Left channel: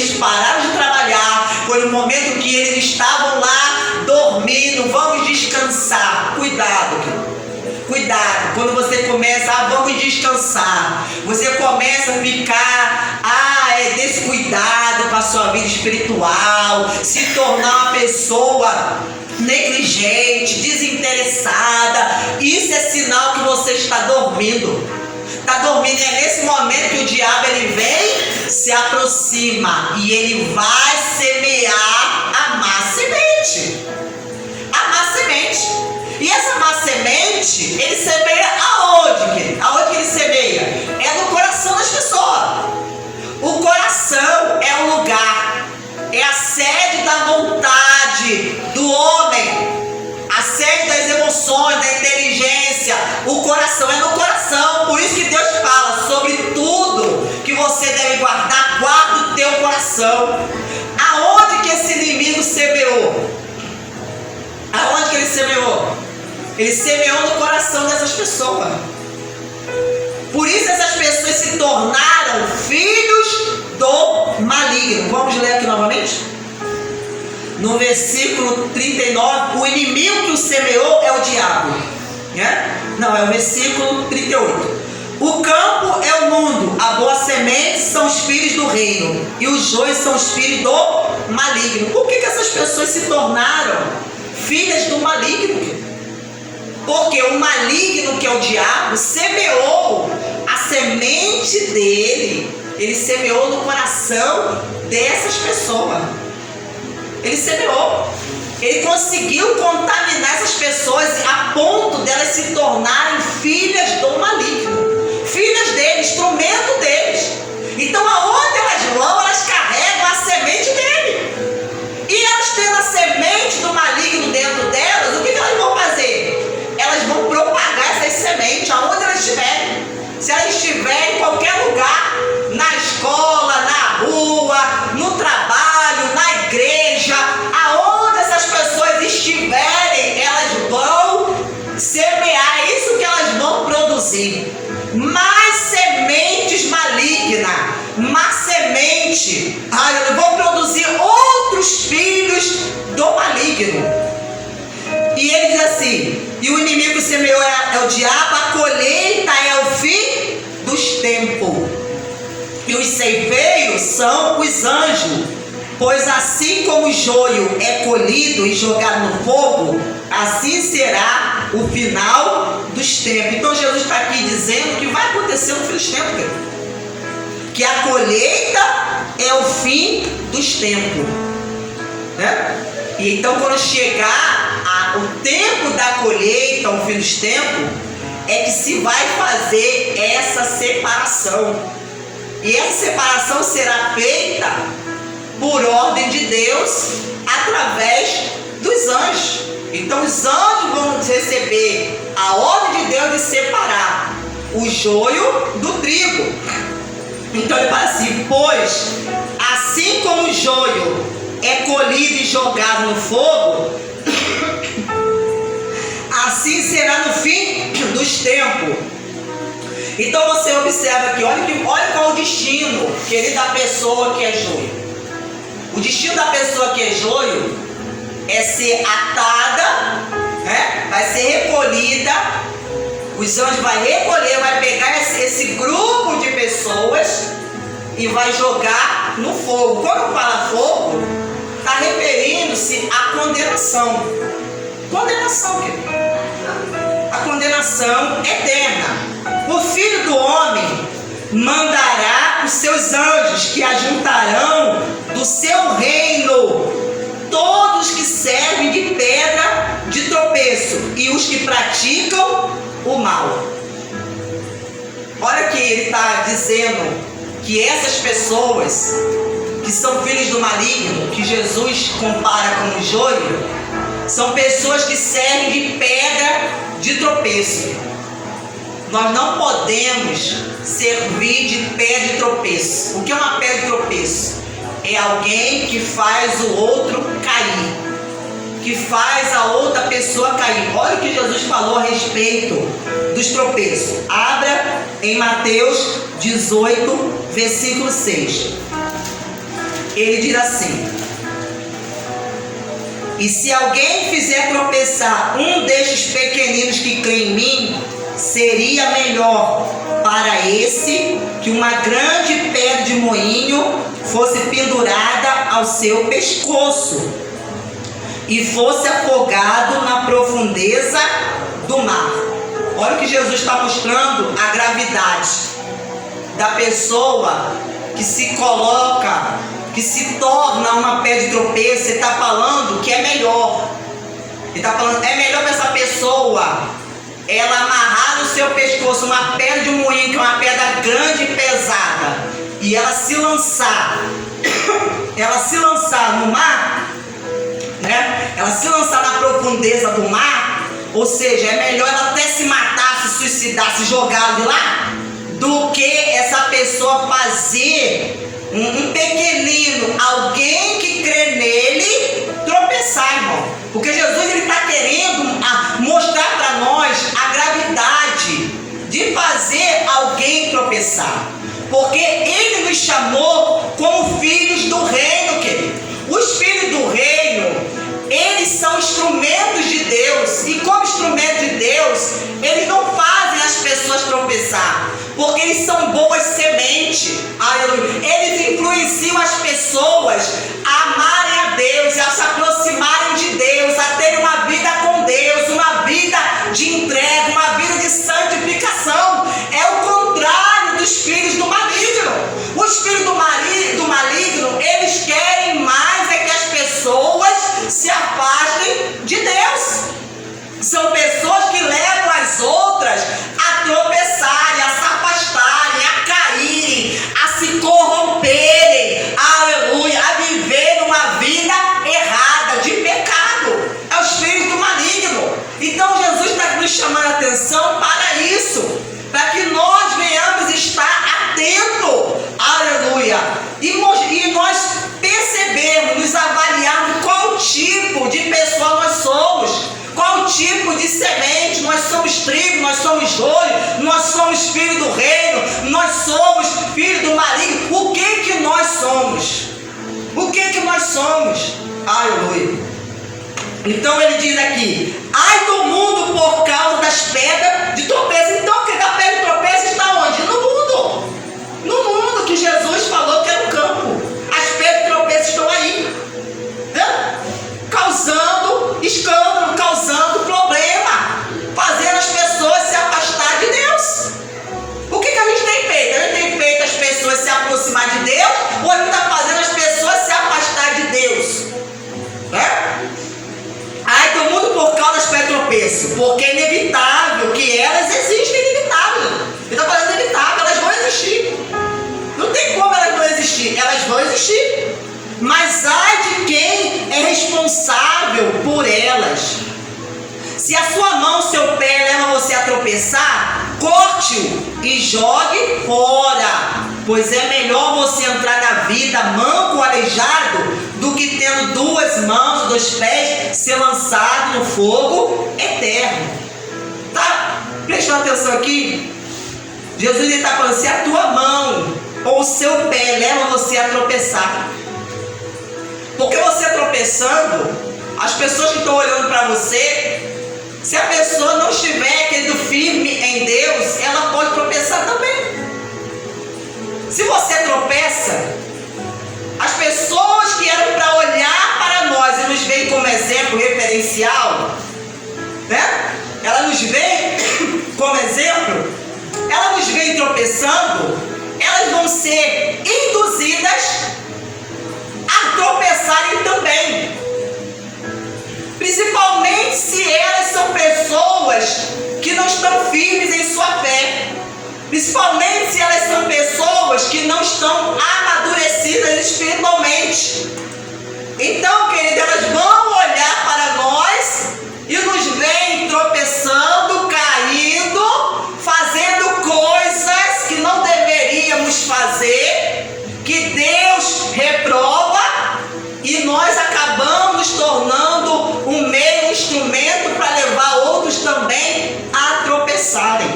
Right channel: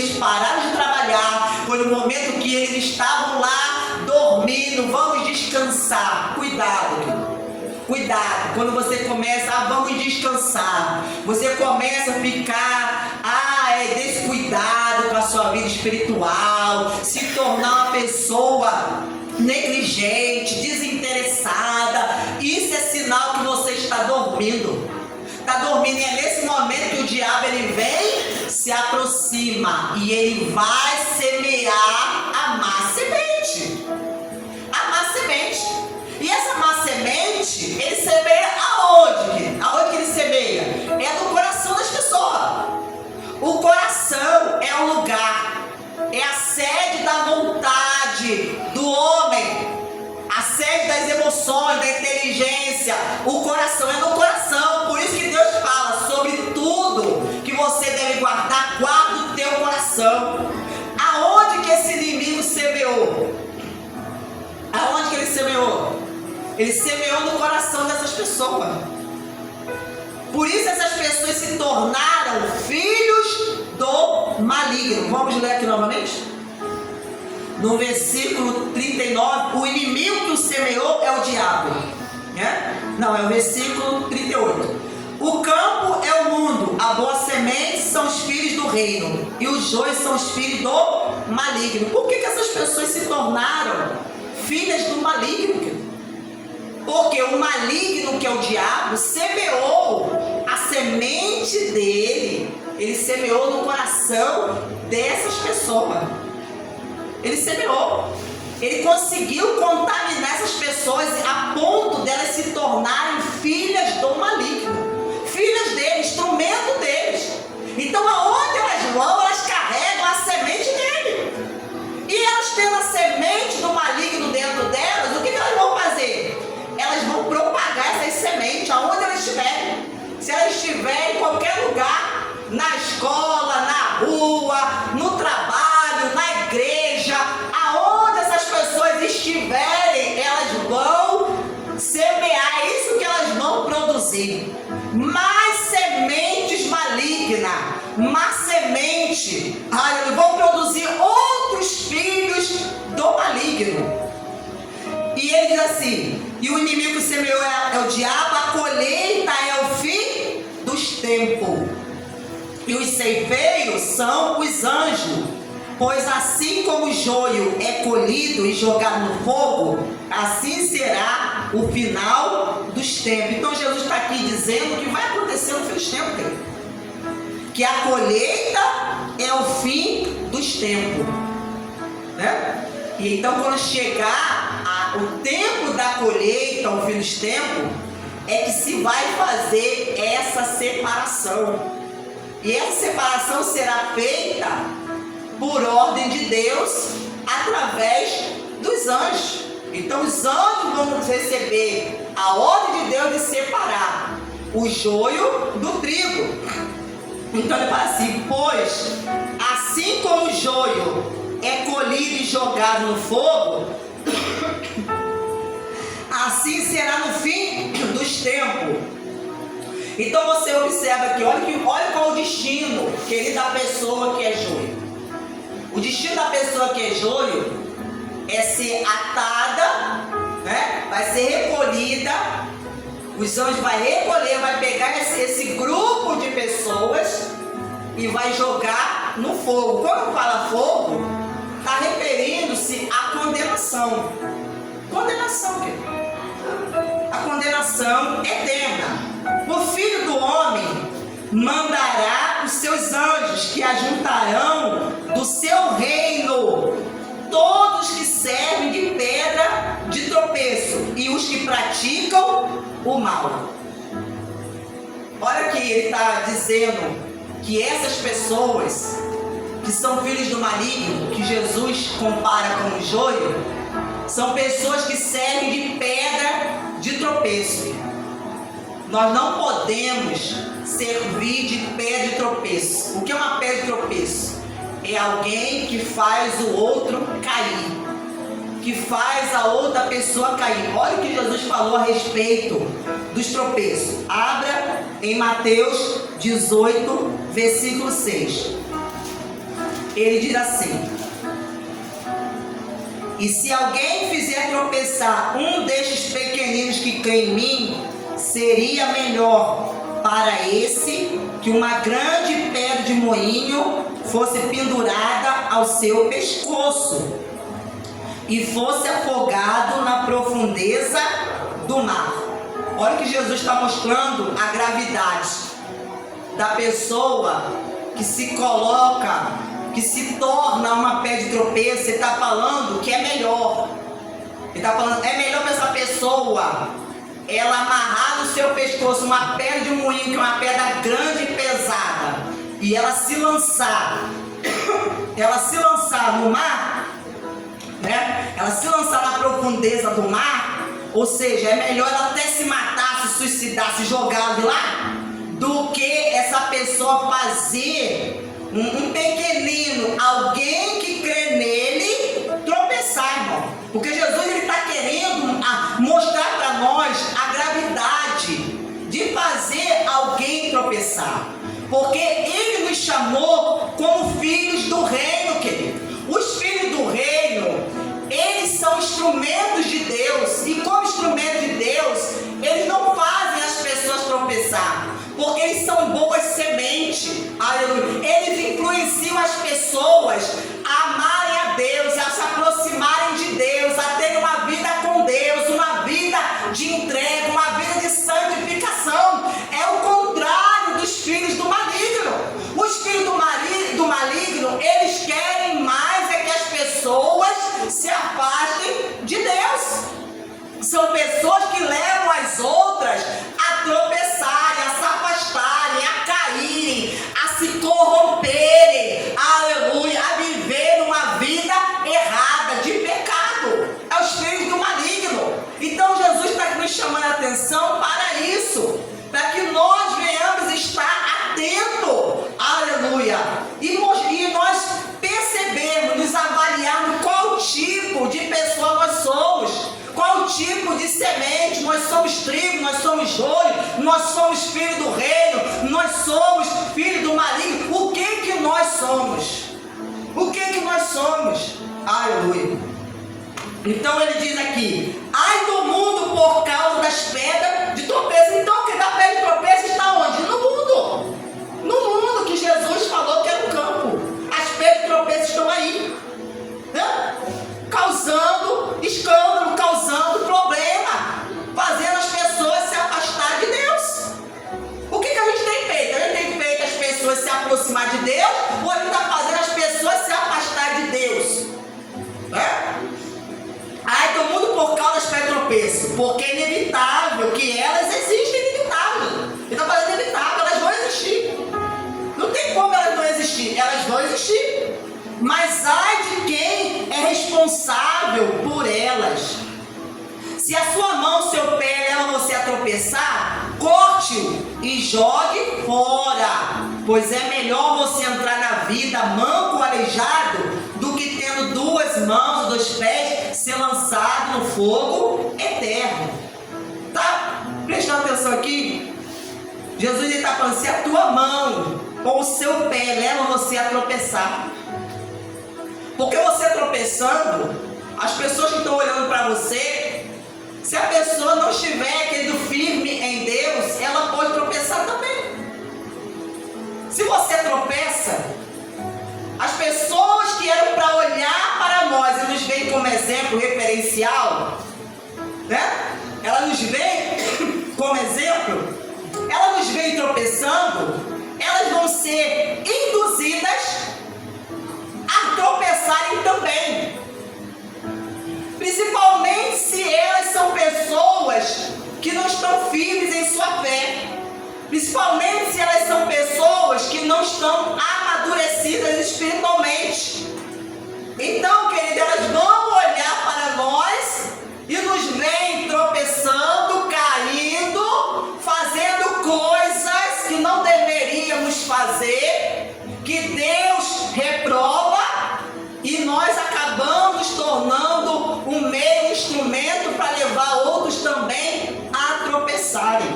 eles pararam de trabalhar, foi no momento que eles estavam lá dormindo. Vamos descansar. Cuidado, quando você começa, vamos descansar, você começa a ficar, descuidado com a sua vida espiritual, se tornar uma pessoa negligente, desinteressada, isso é sinal que você está dormindo. É nesse momento que o diabo ele vem, se aproxima e ele vai semear a má semente. E essa má semente, ele semeia aonde? Aonde que ele semeia? É no coração das pessoas. O coração é o lugar, é a sede da vontade do homem, a sede das emoções, da inteligência. O coração é no coração. Por isso que Deus fala sobre tudo que você deve guardar, guarda o teu coração. Aonde que esse inimigo semeou? Aonde que ele semeou? Ele semeou no coração dessas pessoas. Por isso essas pessoas se tornaram filhos do maligno. Vamos ler aqui novamente? No versículo 39, o inimigo que o semeou é o diabo. Não, é o versículo 38. O campo é o mundo, a boa semente são os filhos do reino, e os joios são os filhos do maligno. Por que essas pessoas se tornaram filhas do maligno? Porque o maligno, que é o diabo, semeou a semente dele, ele semeou no coração dessas pessoas. Ele semeou, ele conseguiu contaminar essas pessoas a ponto delas se tornarem filhas do maligno, filhas dele, instrumento deles. Então aonde elas vão, elas carregam a semente dele. E elas tendo a semente do maligno dentro delas, o que elas vão fazer? Elas vão propagar essas sementes aonde elas estiverem. Se elas estiverem em qualquer lugar, na escola, na rua, no trabalho, na igreja, aonde essas pessoas estiverem, elas vão semear, é isso que elas vão produzir. Mais sementes malignas, má semente, vão produzir outros filhos do maligno. E ele diz assim, e o inimigo que semeou é o diabo, a colheita é o fim dos tempos. E os ceifeiros são os anjos, pois assim como o joio é colhido e jogado no fogo, assim será o final dos tempos. Então Jesus está aqui dizendo que vai acontecer no fim dos tempos, que a colheita é o fim dos tempos, né? E então quando chegar o tempo da colheita, o fim dos tempos, é que se vai fazer essa separação. E essa separação será feita por ordem de Deus, através dos anjos. Então os anjos vão receber a ordem de Deus de separar o joio do trigo. Então ele fala assim, pois assim como o joio é colhido e jogado no fogo, assim será no fim dos tempos. Então você observa aqui, olha qual é o destino, querido, da pessoa que é joio. O destino da pessoa que é joio é ser atada, né? Vai ser recolhida, os anjos vão recolher, vai pegar esse grupo de pessoas e vai jogar no fogo. Quando fala fogo, está referindo-se à condenação. Condenação, querido. A condenação eterna. O Filho do Homem mandará os seus anjos que ajuntarão do seu reino todos que servem de pedra de tropeço e os que praticam o mal. Olha que ele está dizendo que essas pessoas que são filhos do maligno, que Jesus compara com o joio, são pessoas que servem de pedra de tropeço. Nós não podemos servir de pedra de tropeço. O que é uma pedra de tropeço? É alguém que faz o outro cair, que faz a outra pessoa cair. Olha o que Jesus falou a respeito dos tropeços. Abra em Mateus 18, versículo 6. ele diz assim: e se alguém fizer tropeçar um destes pequeninos que crê em mim, seria melhor para esse que uma grande pedra de moinho fosse pendurada ao seu pescoço e fosse afogado na profundeza do mar. Olha o que Jesus está mostrando, a gravidade da pessoa que se coloca, que se torna uma pedra de tropeço. Ele está falando que é melhor. Ele está falando, é melhor para essa pessoa ela amarrar no seu pescoço uma pedra de moinho, que é uma pedra grande e pesada, e ela se lançar no mar, né? Ela se lançar na profundeza do mar, ou seja, é melhor ela até se matar, se suicidar, se jogar de lá, do que essa pessoa fazer um pequenino, alguém que crê nele, tropeçar, irmão. Porque Jesus está querendo mostrar para nós a gravidade de fazer alguém tropeçar. Porque ele nos chamou como filhos do reino, querido. Os filhos do reino, eles são instrumentos de Deus. E como instrumentos de Deus, eles não fazem as pessoas tropeçar, porque eles são boas sementes. Aleluia. Eles influenciam as pessoas a amarem a Deus, a se aproximarem de Deus, a terem uma vida com Deus, uma vida de entrega, uma vida de santificação. É o contrário dos filhos do maligno. Os filhos do maligno, eles querem mais é que as pessoas se afastem de Deus. São pessoas que levam as outras a tropeçarem, a se afastarem, a caírem, a se corromperem, aleluia, a viver uma vida errada, de pecado. É os filhos do maligno. Então Jesus está nos chamando a atenção para isso, para que nós venhamos estar atentos, aleluia, e nós percebermos, nos avaliarmos qual tipo de pessoa nós somos. Qual tipo de semente? Nós somos trigo, nós somos joio, nós somos filho do reino, nós somos filho do maligno. O que nós somos? O que nós somos? Aleluia. Então ele diz aqui: ai do mundo por causa das pedras de tropeço. Então, que da pedra de tropeço está onde? No mundo. No mundo que Jesus falou que era o campo. As pedras de tropeço estão aí, né? Causando escândalo, causando problema, fazendo as pessoas se afastar de Deus. O que a gente tem feito? A gente tem feito as pessoas se aproximar de Deus, ou a gente está fazendo as pessoas se afastar de Deus? Ai do mundo por causa das pedras de tropeço, porque é inevitável que elas existem, inevitável. Ele está falando inevitável, elas vão existir. Não tem como elas não existir, elas vão existir. Mas ai de quem é responsável por elas. Se a sua mão, seu pé leva você a tropeçar, corte-o e jogue fora, pois é melhor você entrar na vida manco, aleijado, do que tendo duas mãos, dois pés, ser lançado no fogo eterno. Tá prestando atenção aqui? Jesus está falando: se a tua mão ou o seu pé leva você a tropeçar, porque você tropeçando, as pessoas que estão olhando para você, se a pessoa não estiver querendo firme em Deus, ela pode tropeçar também. Se você tropeça, as pessoas que eram para olhar para nós e nos veem como exemplo referencial, né? Ela nos vê como exemplo, ela nos vê tropeçando, elas vão ser induzidas a tropeçarem também, principalmente se elas são pessoas que não estão firmes em sua fé, principalmente se elas são pessoas que não estão amadurecidas espiritualmente. Então, querido, elas vão olhar para nós e nos veem tropeçando, caindo, fazendo coisas que não deveríamos fazer, que Deus reprova, e nós acabamos nos tornando um meio, instrumento para levar outros também a tropeçarem.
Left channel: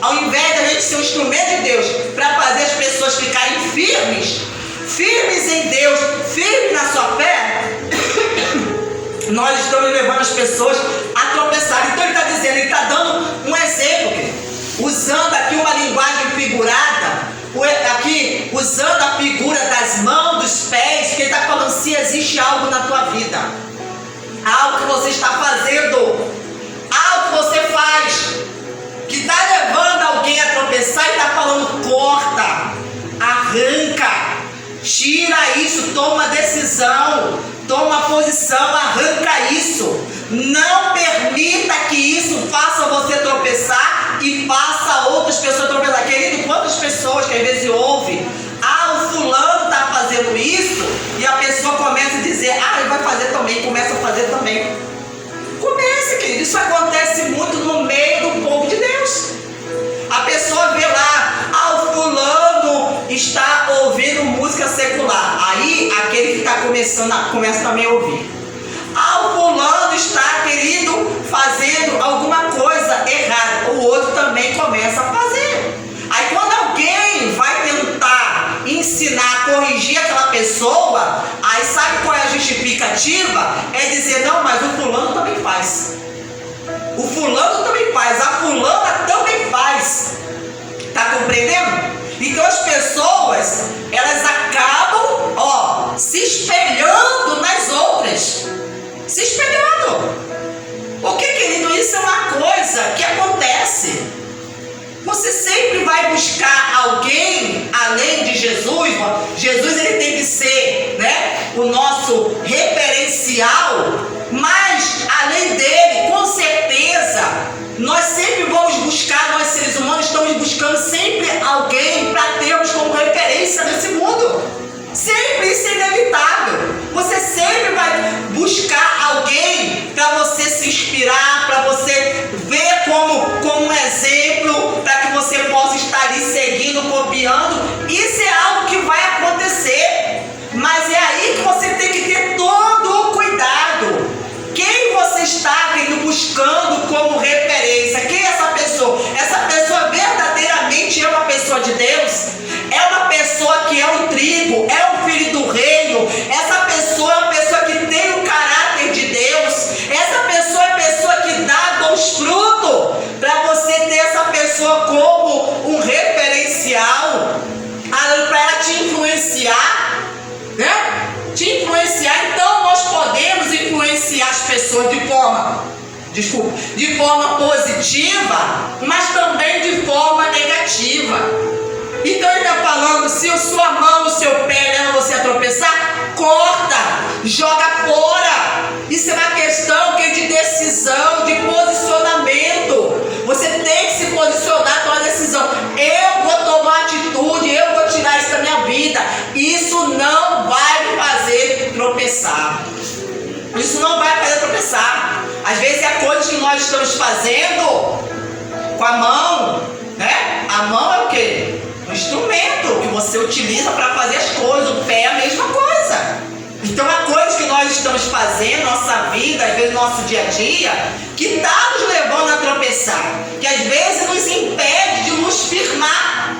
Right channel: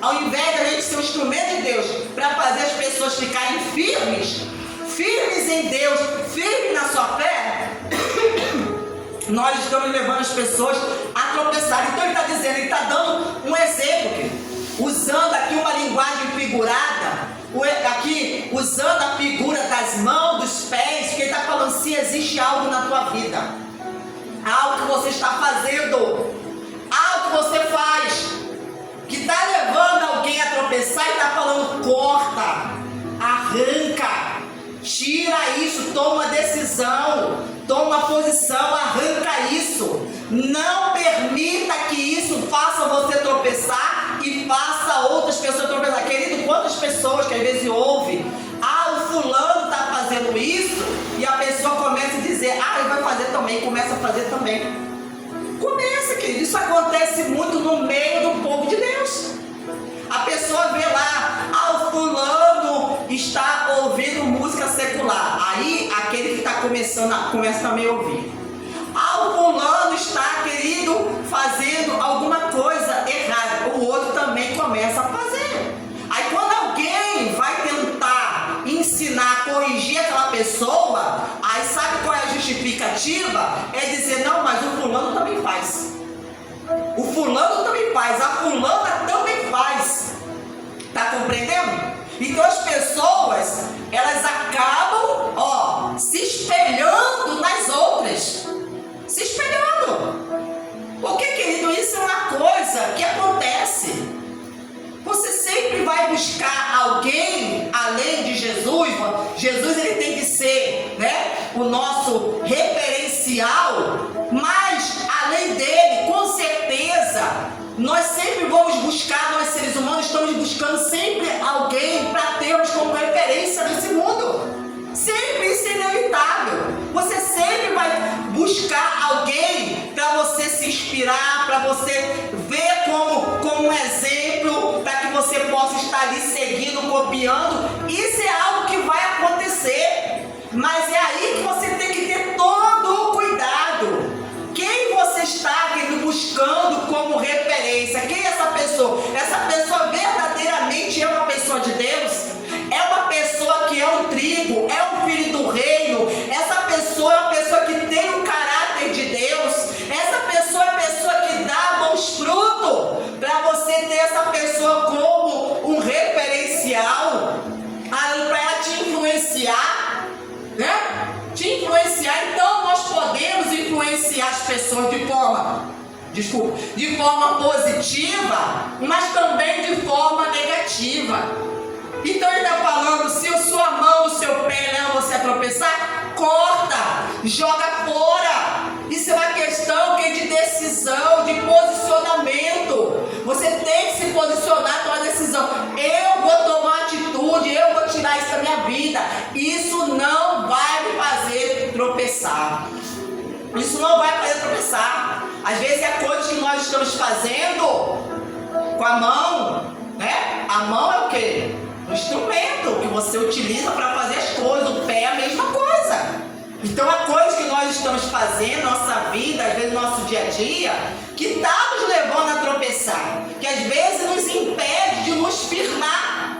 Ao invés de a gente ser um instrumento de Deus para fazer as pessoas ficarem firmes em Deus, nós estamos levando as pessoas a tropeçar. Então ele está dizendo, ele está dando um exemplo, usando aqui uma linguagem figurada, aqui usando a figura das mãos, dos pés, que ele está falando se existe algo na tua vida, algo que você está fazendo, algo que você faz, que está levando alguém a tropeçar, e está falando, corta, arranca, tira isso, toma uma decisão, toma uma posição, arranca isso. Não permita que isso faça você tropeçar e faça outras pessoas tropeçar. Querido, quantas pessoas que às vezes ouvem, o fulano está fazendo isso, e a pessoa começa a dizer, ele vai fazer também, começa a fazer também. Começa, querido, isso acontece muito no meio do povo de Deus. A pessoa vê lá, o fulano está ouvindo música secular. Aí aquele que está começa também a ouvir. O fulano está, querido, fazendo alguma coisa errada. O outro também começa a fazer. Aí quando alguém vai tentar ensinar, corrigir aquela pessoa, aí sabe qual é a justificativa? É dizer, não, mas o fulano também faz. O fulano também faz, a fulana também faz. Está compreendendo? Então as pessoas, elas acabam, se espelhando nas outras. Se espelhando. Porque, querido, isso é uma coisa que acontece. Você sempre vai buscar alguém além de Jesus. Jesus, ele tem que ser, o nosso referencial. Mas, além dele, com certeza, nós sempre vamos buscar, nós seres humanos estamos buscando sempre alguém para termos como referência nesse mundo. Sempre, isso é inevitável. Você sempre vai buscar alguém para você se inspirar, para você ver como um exemplo, para que você possa estar ali seguindo, copiando. Isso é algo que vai acontecer, mas é aí que você tem que ter todo o cuidado. Quem você está buscando como referência? Quem é essa pessoa? Essa pessoa verdadeiramente é uma pessoa de Deus? É uma pessoa que é um trigo, é um filho do reino. Essa pessoa é uma pessoa que tem o caráter de Deus. Essa pessoa é a pessoa que dá bons frutos. Para você ter essa pessoa como um referencial, para ela te influenciar, te influenciar. Então nós podemos influenciar as pessoas de forma positiva, mas também de forma negativa. Então ele está falando, se a sua mão, o seu pé leva você a tropeçar, corta, joga fora. Isso é uma questão de decisão, de posicionamento. Você tem que se posicionar com a decisão. Eu vou tomar atitude, eu vou tirar isso da minha vida. Isso não vai me fazer tropeçar. Isso não vai fazer tropeçar. Às vezes é coisas que nós estamos fazendo com a mão, A mão é o quê? Um instrumento que você utiliza para fazer as coisas. O pé é a mesma coisa. Então há coisas que nós estamos fazendo na nossa vida, às vezes no nosso dia a dia, que está nos levando a tropeçar, que às vezes nos impede de nos firmar.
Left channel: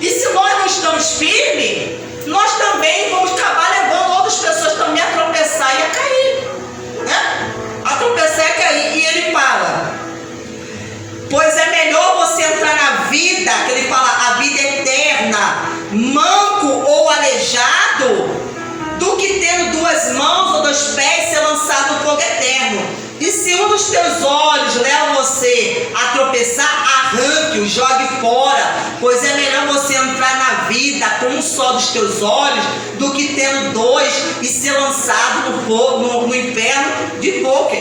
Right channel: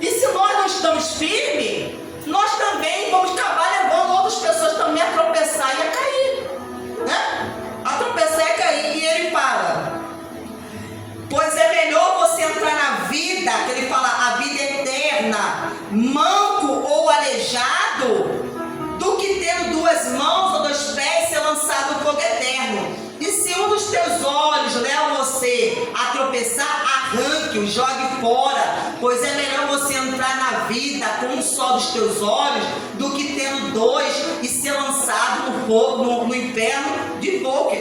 E se nós não estamos firmes, nós também vamos acabar levando outras pessoas também a tropeçar e a cair, a tropeçar e a cair. E ele fala, pois é melhor você entrar na vida, que ele fala, a vida eterna, manco ou aleijado, do que tendo duas mãos ou dois pés ser lançado no fogo eterno. E se um dos teus olhos leva você a tropeçar, arranque-o, jogue fora, pois é melhor você entrar na vida com um só dos teus olhos, do que tendo dois e ser lançado no fogo, no inferno de fogo.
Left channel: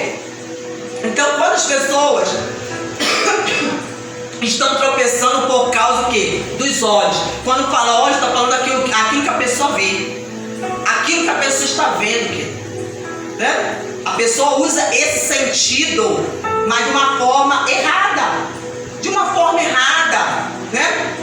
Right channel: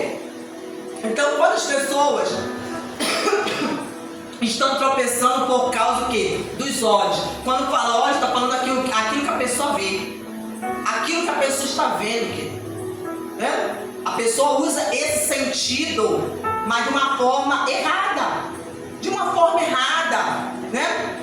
Então, quantas pessoas estão tropeçando por causa do quê? Dos olhos. Quando fala olhos, está falando aquilo que a pessoa vê, aquilo que a pessoa está vendo, A pessoa usa esse sentido, mas de uma forma errada.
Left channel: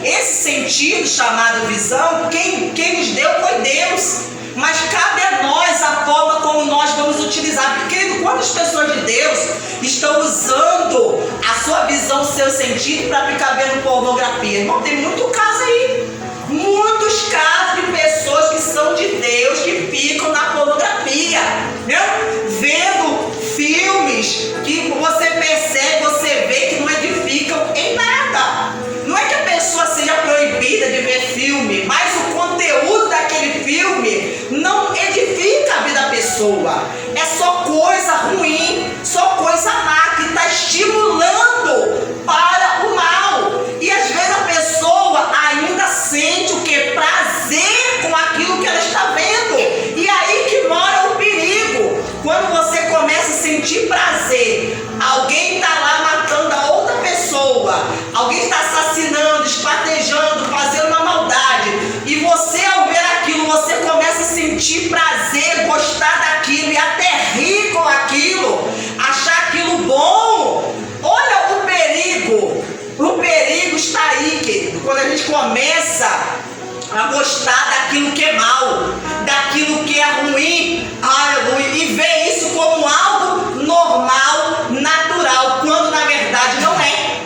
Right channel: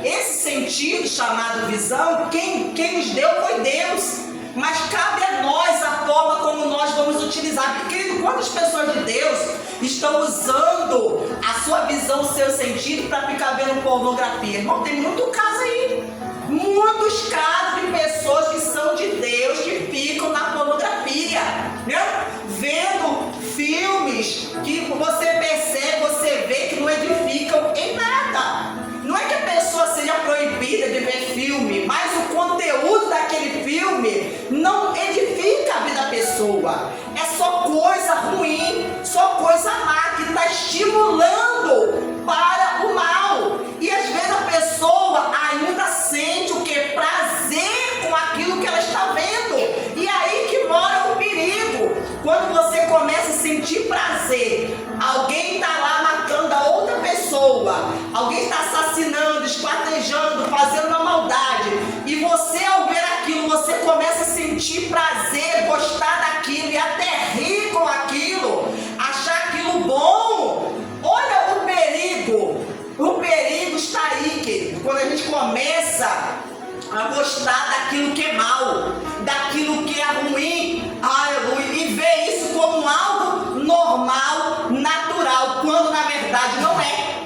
Esse sentido chamado visão, quem nos deu foi Deus. Mas cabe a nós a forma como nós vamos utilizar. Porque, querido, quantas pessoas de Deus estão usando a sua visão, o seu sentido para ficar vendo pornografia? Irmão, tem muito caso aí. Muitos casos de pessoas que são de Deus que ficam na pornografia, vendo pessoa, é só coisa ruim, só coisa má, que está estimulando para o mal. E às vezes a pessoa ainda sente o que? Prazer com aquilo que ela está vendo. E aí que mora o perigo. Quando você começa a sentir prazer, alguém está lá matando a outra pessoa, alguém está assassinando, esquartejando, fazendo uma maldade, e você, ao ver aquilo, você começa a sentir prazer, gostar daquilo e até rir com aquilo, achar aquilo bom. Olha o perigo está aí, querido, quando a gente começa a gostar daquilo que é mal, daquilo que é ruim, aleluia, e ver isso como algo normal, natural, quando na verdade não é.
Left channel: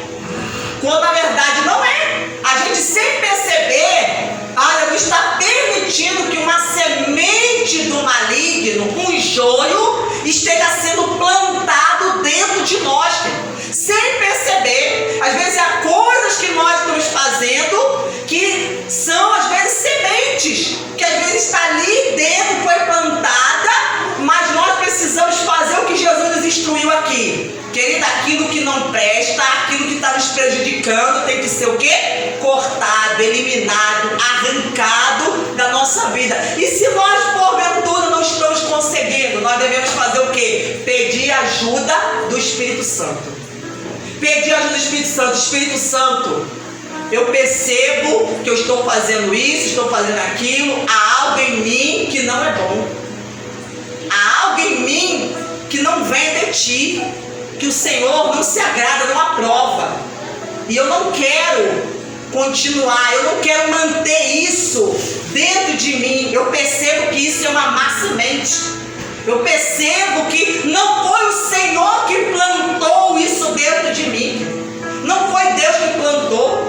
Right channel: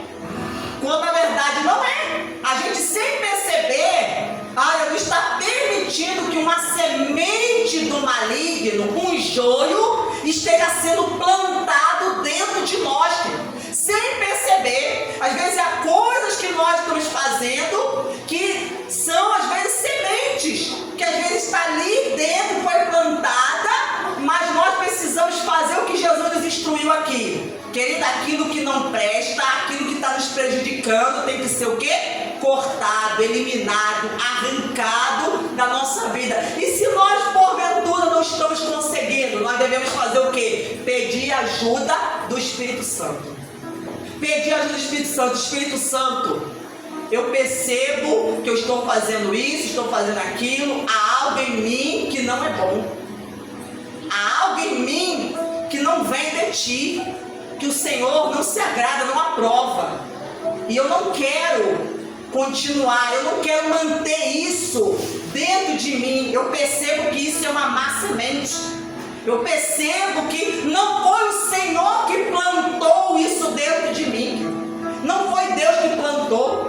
Quando na verdade não é. A gente, sem perceber, aleluia, está permitindo que uma semente do maligno, um joio, esteja sendo plantado dentro de nós, sem perceber. Às vezes há coisas que nós estamos fazendo que são às vezes sementes, que às vezes está ali dentro, foi plantada, mas nós precisamos fazer o que Jesus nos instruiu aqui. Querido, aquilo que não presta, aquilo que está nos prejudicando, tem que ser o quê? Cortado, eliminado, arrancado da nossa vida. E se nós, porventura, não estamos conseguindo, nós devemos fazer o quê? Pedir ajuda do Espírito Santo. Pedir ajuda do Espírito Santo. Espírito Santo, eu percebo que eu estou fazendo isso, estou fazendo aquilo, há algo em mim que não é bom. Há algo em mim que não vem de ti, que o Senhor não se agrada, não aprova. E eu não quero continuar, eu não quero manter isso dentro de mim. Eu percebo que isso é uma má semente. Eu percebo que não foi o Senhor que plantou isso dentro de mim. Não foi Deus que plantou.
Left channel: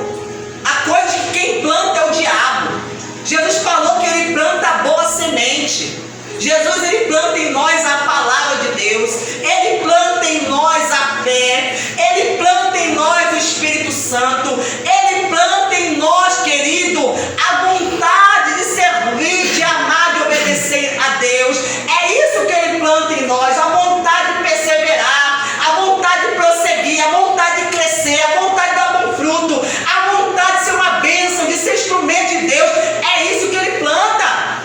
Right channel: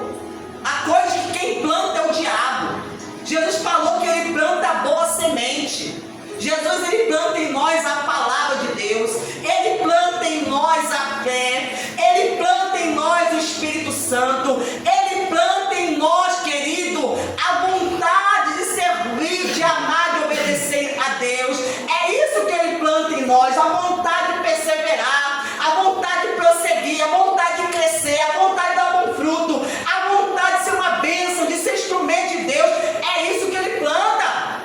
A coisa que quem planta é o diabo. Jesus falou que ele planta a boa semente. Jesus, ele planta em nós a palavra de Deus. Ele planta em nós a fé. Ele planta em nós o Espírito Santo. Ele planta em nós, querido, a vontade de servir, de amar, de obedecer a Deus. É isso que ele planta em nós, a vontade de perseverar, a vontade de prosseguir, a vontade de crescer, a vontade de dar bom fruto, a vontade de ser uma bênção, de ser instrumento de Deus. É isso que ele planta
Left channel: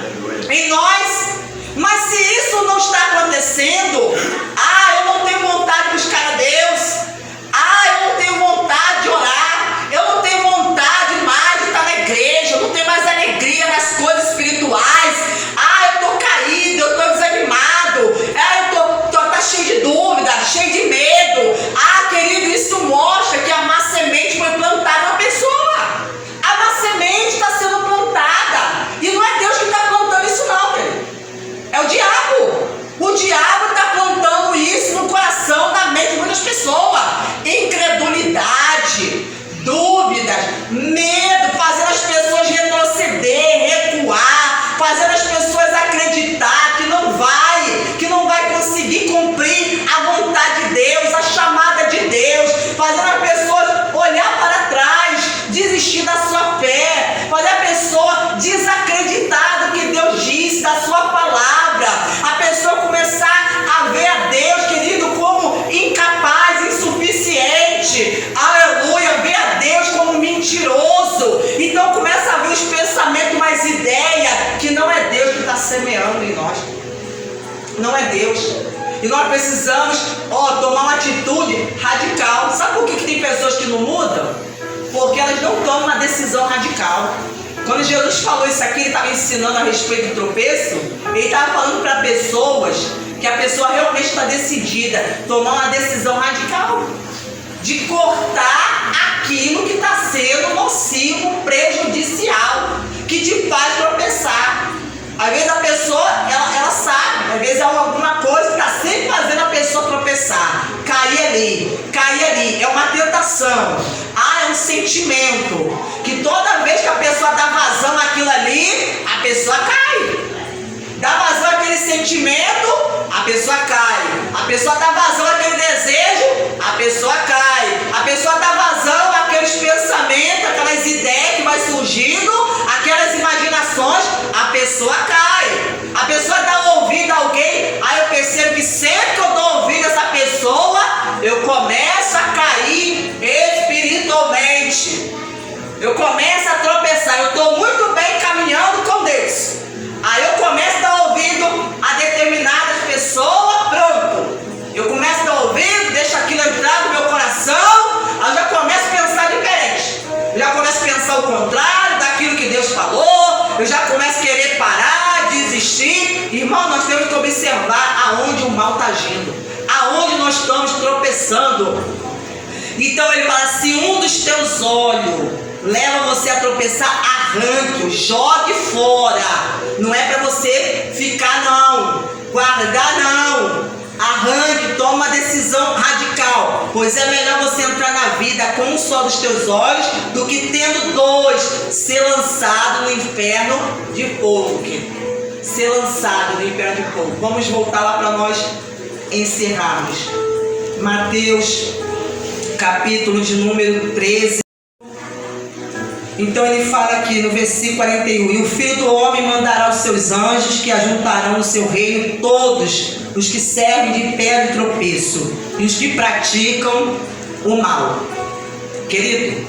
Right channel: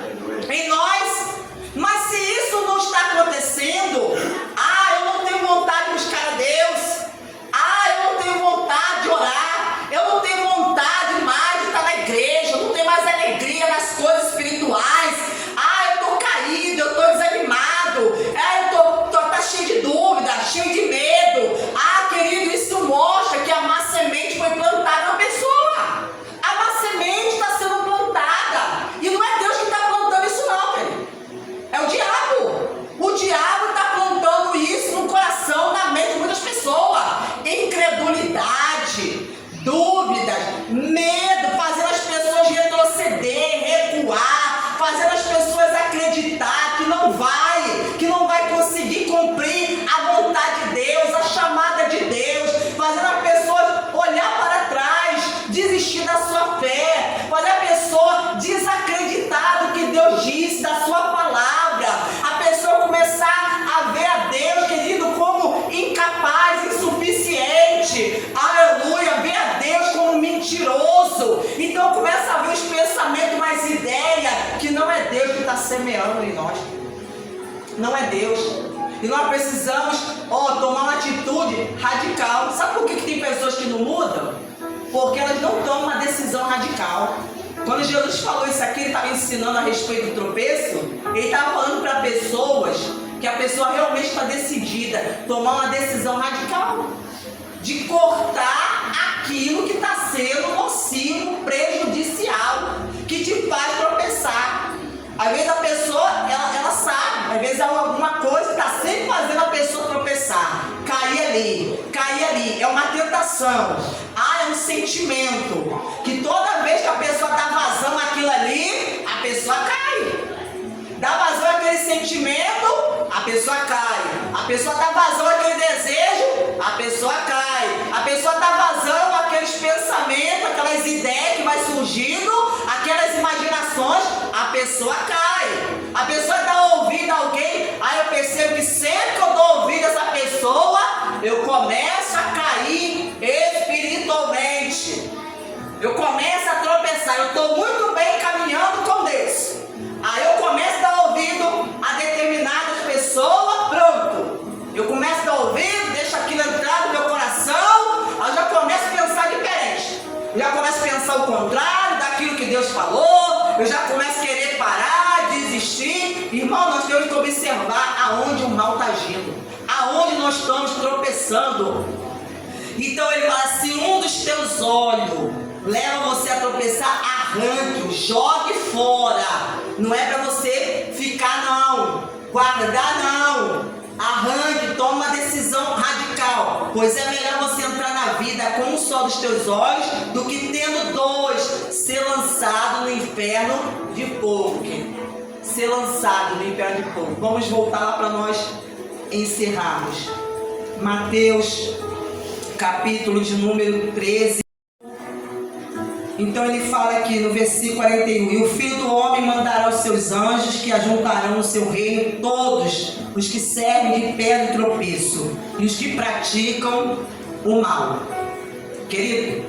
em nós. Mas se isso não está acontecendo, eu não tenho vontade de buscar a Deus, eu não tenho vontade de orar, eu não tenho vontade mais de estar na igreja, eu não tenho mais alegria nas coisas espirituais, eu estou caído, eu estou desanimado, eu estou cheio de dúvida, cheio de medo. Querido, isso mostra que a má semente foi plantada na pessoa. A má semente está sendo plantada, e não é Deus que está plantando isso não, querido. É o diabo. O diabo está plantando isso no coração, na mente de muitas pessoas. Incredulidade, dúvidas, medo, fazendo as pessoas retroceder, recuar, fazendo as pessoas acreditar que não vai conseguir cumprir a vontade de Deus, a chamada de Deus, fazendo as pessoas olhar para trás, desistir da sua fé, fazer a pessoa desacreditar do que Deus disse, da sua palavra, a pessoa começar a ver a Deus, querido, como incapaz, insuficiente, aleluia, ver a Deus como mentiroso. Então começa a ver os pensamentos, mais ideia, que não é Deus que está semeando em nós, não é Deus. E nós precisamos, tomar uma atitude radical. Sabe por que tem pessoas que não mudam? Porque elas não tomam uma decisão radical. Quando Jesus falou isso aqui, ele estava ensinando a respeito do tropeço, ele estava falando para pessoas que a pessoa realmente está decidida a tomar uma decisão radical de cortar aquilo que está sendo nocivo, prejudicial, que te faz tropeçar. Às vezes a pessoa, ela sabe, às vezes é alguma coisa que está sempre fazendo a pessoa tropeçar, cair ali, é uma tentação, é um sentimento, que toda vez que a pessoa dá vazão àquilo ali, a pessoa cai, dá vazão àquele sentimento, a pessoa cai, a pessoa dá vazão àquele desejo, a pessoa cai, a pessoa dá vazão àqueles pensamentos, aquelas ideias que vai surgindo, aquelas imaginações, a pessoa cai. A pessoa dá ouvido a alguém, aí determinadas pessoas, pronto. Eu começo a dar ouvido, deixo aquilo entrar no meu coração, aí eu já começo a pensar diferente. Eu já começo a pensar o contrário daquilo que Deus falou, eu já começo a querer parar, desistir. Irmão, nós temos que observar aonde o mal está agindo, aonde nós estamos tropeçando. Então ele fala, se um dos teus olhos leva você a tropeçar, arranque-o, jogue fora. Não é para você ficar não, guardar não. Arranque, toma uma decisão radical, pois é melhor você entrar na vida com um só dos teus olhos do que tendo dois, ser lançado no inferno de fogo. Ser lançado no inferno de fogo. Vamos voltar lá para nós encerrarmos. Mateus, capítulo de número 13. Então ele fala aqui no versículo 41, e o Filho do Homem mandará os seus anjos, que ajuntarão no seu reino todos os que servem de pedra de tropeço e os que praticam o mal. Querido,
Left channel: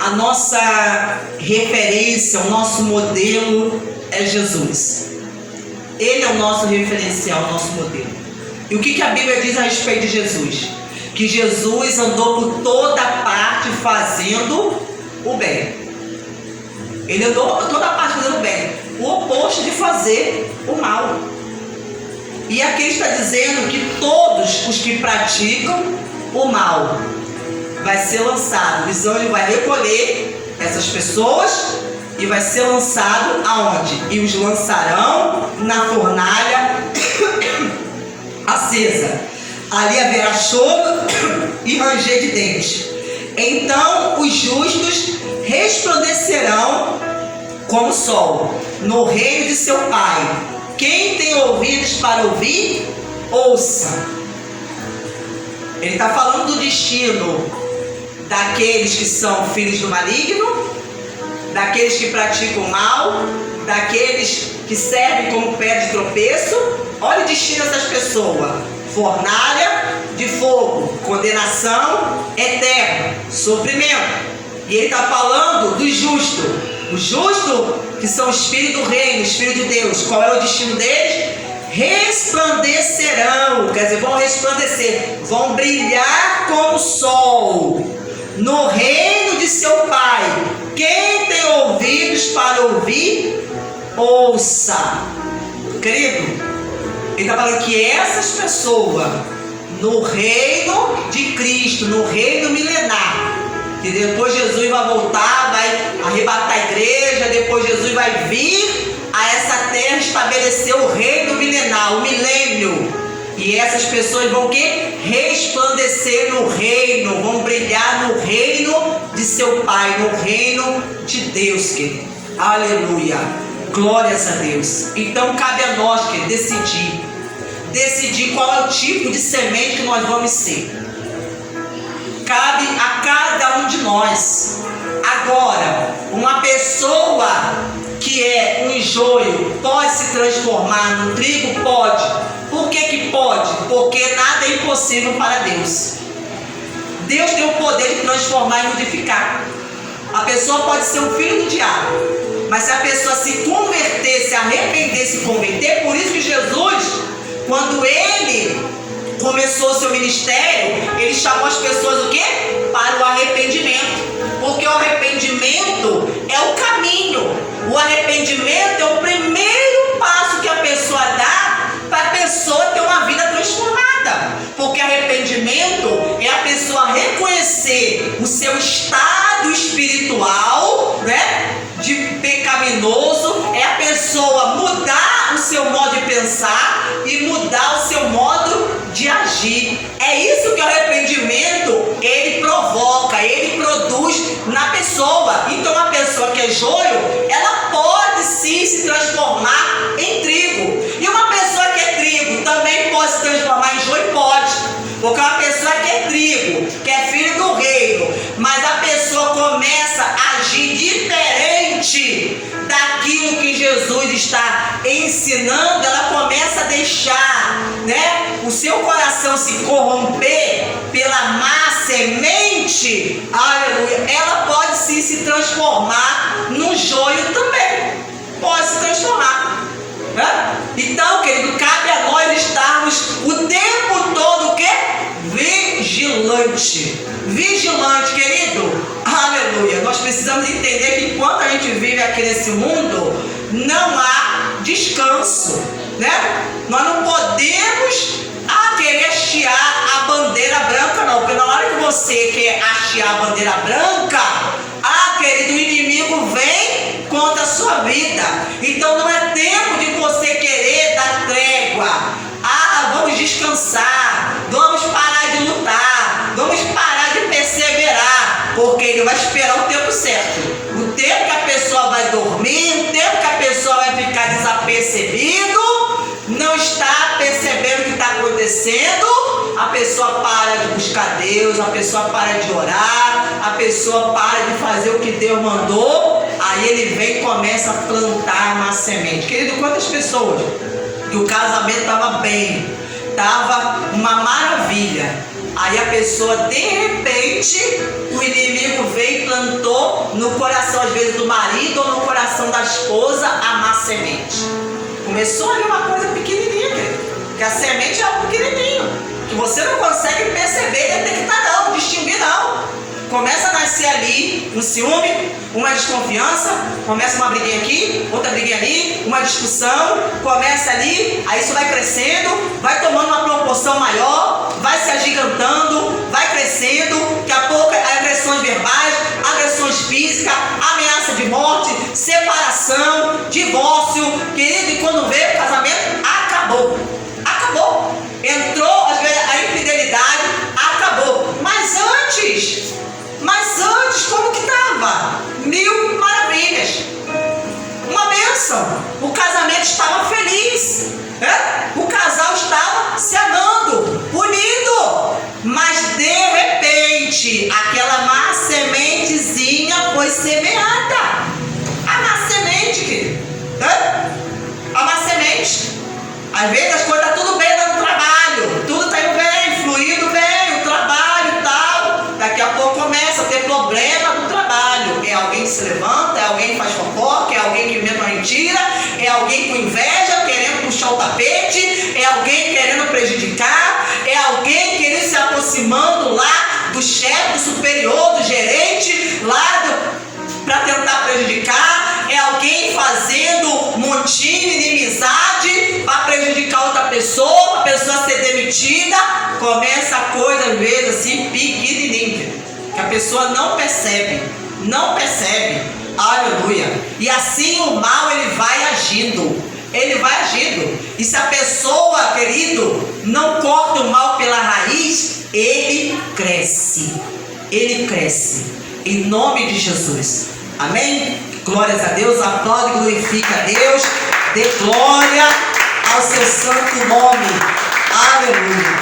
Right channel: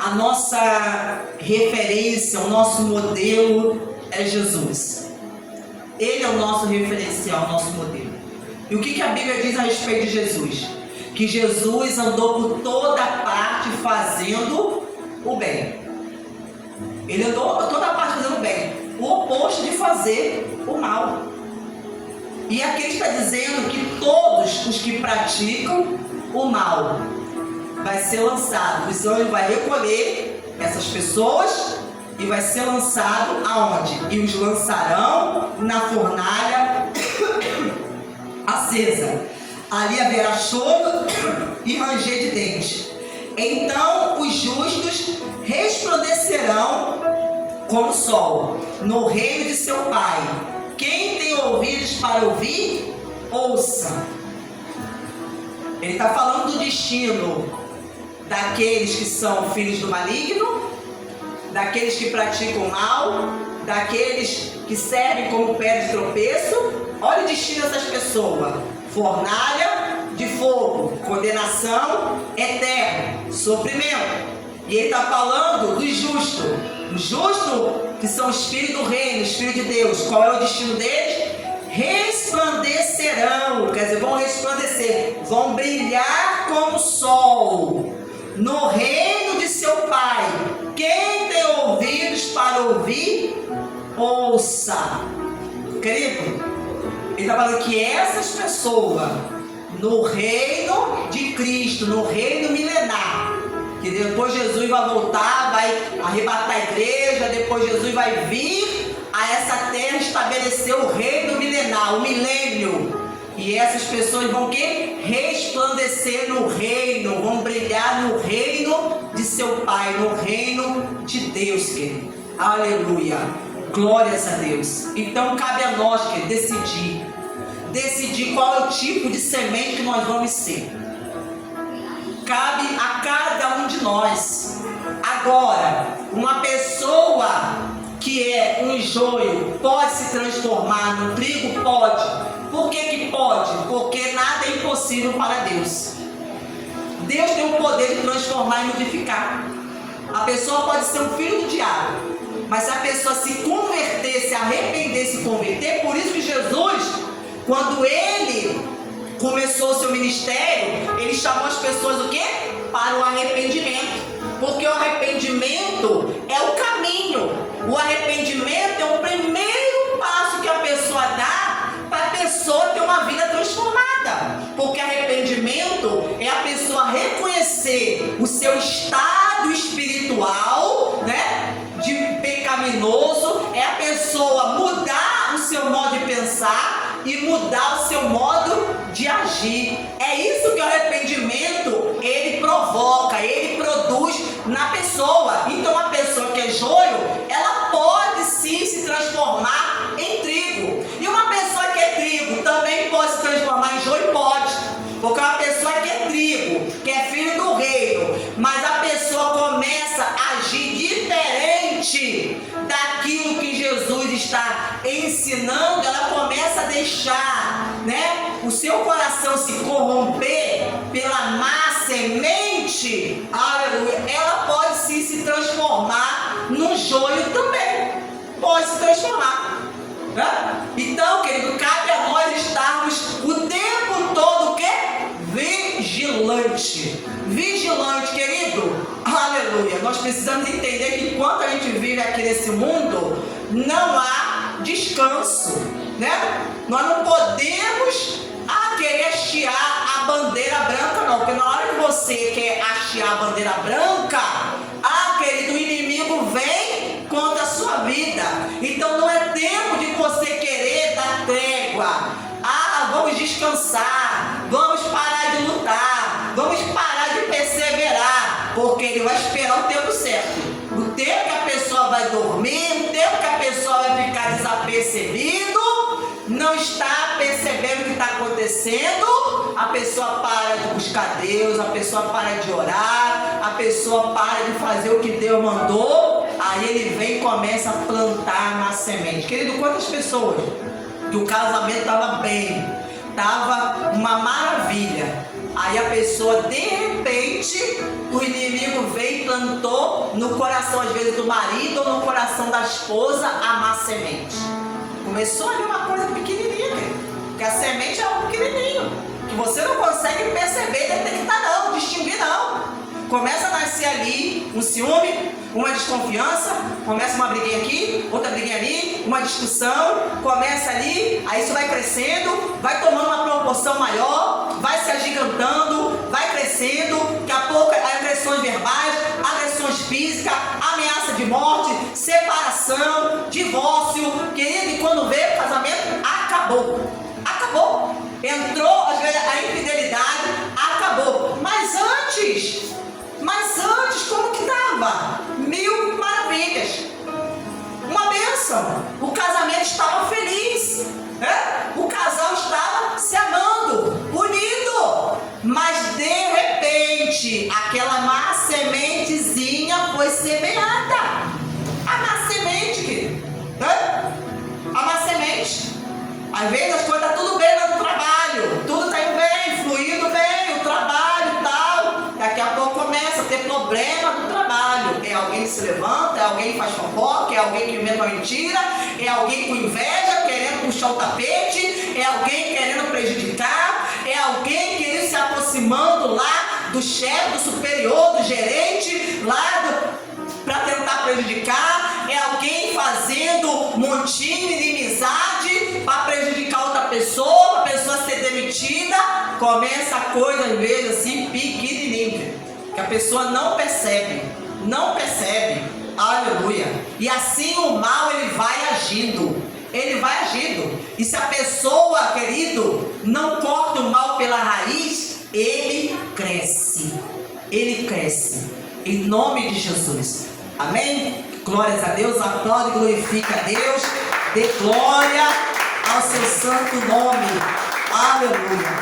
a nossa referência, o nosso modelo é Jesus. Ele é o nosso referencial, o nosso modelo. E o que a Bíblia diz a respeito de Jesus? Que Jesus andou por toda parte fazendo o bem. Ele andou por toda parte fazendo o bem, o oposto de fazer o mal. E aqui está dizendo que todos os que praticam o mal vai ser lançado. Então ele vai recolher essas pessoas e vai ser lançado aonde? E os lançarão na fornalha acesa. Ali haverá choro e ranger de dentes. Então os justos resplandecerão como o sol no reino de seu Pai. Quem tem ouvidos para ouvir, ouça. Ele está falando do destino daqueles que são filhos do maligno, daqueles que praticam mal, daqueles que servem como pé de tropeço. Olha o destino dessas pessoas: fornalha de fogo, condenação eterna, sofrimento. E ele está falando do justo. Os justos, que são o Espírito do Reino, o Espírito de Deus. Qual é o destino deles? Resplandecerão, quer dizer, vão resplandecer, vão brilhar como o sol no reino de seu Pai. Quem tem ouvidos para ouvir, ouça. Querido, ele está falando que essas pessoas, no reino de Cristo, no reino milenar, que depois Jesus vai voltar, vai arrebatar a igreja, depois Jesus vai vir a essa terra estabelecer o reino milenar, o milênio. E essas pessoas vão o quê? Resplandecer no reino, vão brilhar no reino de seu Pai, no reino de Deus, querido. Aleluia. Glórias a Deus. Então cabe a nós, querido, decidir qual é o tipo de semente que nós vamos ser. Cabe a cada um de nós. Agora, uma pessoa que é um joio pode se transformar num trigo? Pode. Por que pode? Porque nada é impossível para Deus. Deus tem o poder de transformar e modificar. A pessoa pode ser um filho do diabo, mas se a pessoa se converter, se arrepender, se converter, por isso que Jesus, quando ele começou o seu ministério, ele chamou as pessoas o quê? Para o arrependimento. Porque o arrependimento é o caminho. O arrependimento é o primeiro passo que a pessoa dá para a pessoa ter uma vida transformada. Porque arrependimento é a pessoa reconhecer o seu estado espiritual, né, de pecaminoso, é a pessoa mudar o seu modo de pensar e mudar o seu modo de agir. É isso que o arrependimento ele provoca, ele produz na pessoa. Então a pessoa que é joio, ela pode sim se transformar em trigo. E uma pessoa que é trigo também pode se transformar em joio? Pode. Porque uma pessoa que é trigo, que é filho do reino, mas a pessoa começa a agir diferente daquilo que Jesus está ensinando, ela começa a deixar, né, o seu coração se corromper pela má semente, aleluia, ela pode sim se transformar no joio também, pode se transformar, né? Então, precisamos entender que enquanto a gente vive aqui nesse mundo, não há descanso, né? Nós não podemos querer hastear a bandeira branca, não, porque na hora que você quer hastear a bandeira branca, querido, o inimigo vem contra a sua vida. Então não é tempo de você querer dar trégua. Vamos descansar, vamos parar de lutar, vamos parar de perseverar, porque ele vai esperar o tempo certo. O tempo que a pessoa vai dormir, o tempo que a pessoa vai ficar desapercebido, não está percebendo o que está acontecendo, a pessoa para de buscar Deus, a pessoa para de orar, a pessoa para de fazer o que Deus mandou, aí ele vem e começa a plantar uma semente. Querido, quantas pessoas que o casamento estava bem, estava uma maravilha, aí a pessoa, de repente, o inimigo veio e plantou no coração, às vezes, do marido ou no coração da esposa, a má semente. Começou ali uma coisa pequenininha, que a semente é algo pequenininho, que você não consegue perceber, detectar não, distinguir não. Começa a nascer ali um ciúme, uma desconfiança, começa uma briguinha aqui, outra briguinha ali, uma discussão, começa ali, aí isso vai crescendo, vai tomando uma proporção maior, vai se agigantando, vai crescendo, daqui a pouco agressões verbais, agressões físicas, ameaça de morte, separação, divórcio, querido, e quando vê o casamento, acabou. Entrou a infidelidade, acabou. Mas antes, como que estava? 1000 maravilhas. Uma bênção. O casamento estava feliz. O casal estava se amando, unido. Mas de repente, aquela má sementezinha foi semeada. A má semente, querido. A má semente. Às vezes as coisas estão tudo bem lá no trabalho, tudo está indo bem, fluindo bem, o trabalho e tal. Daqui a pouco começa a ter problema no trabalho. É alguém que se levanta, é alguém que faz fofoca, é alguém que inventa uma mentira, é alguém com inveja, querendo puxar o tapete, é alguém querendo prejudicar, é alguém querendo se aproximando lá do chefe, do superior, do gerente, para tentar prejudicar, é alguém fazendo montinho, inimizade para prejudicar outra pessoa, para a pessoa ser demitida. Começa a coisa às vezes assim, pequenininha, que a pessoa não percebe, aleluia, e assim o mal ele vai agindo, e se a pessoa, querido, não corta o mal pela raiz, ele cresce, em nome de Jesus, amém? Glórias a Deus, aplaude e glorifica a Deus, dê glória ao seu santo nome, aleluia.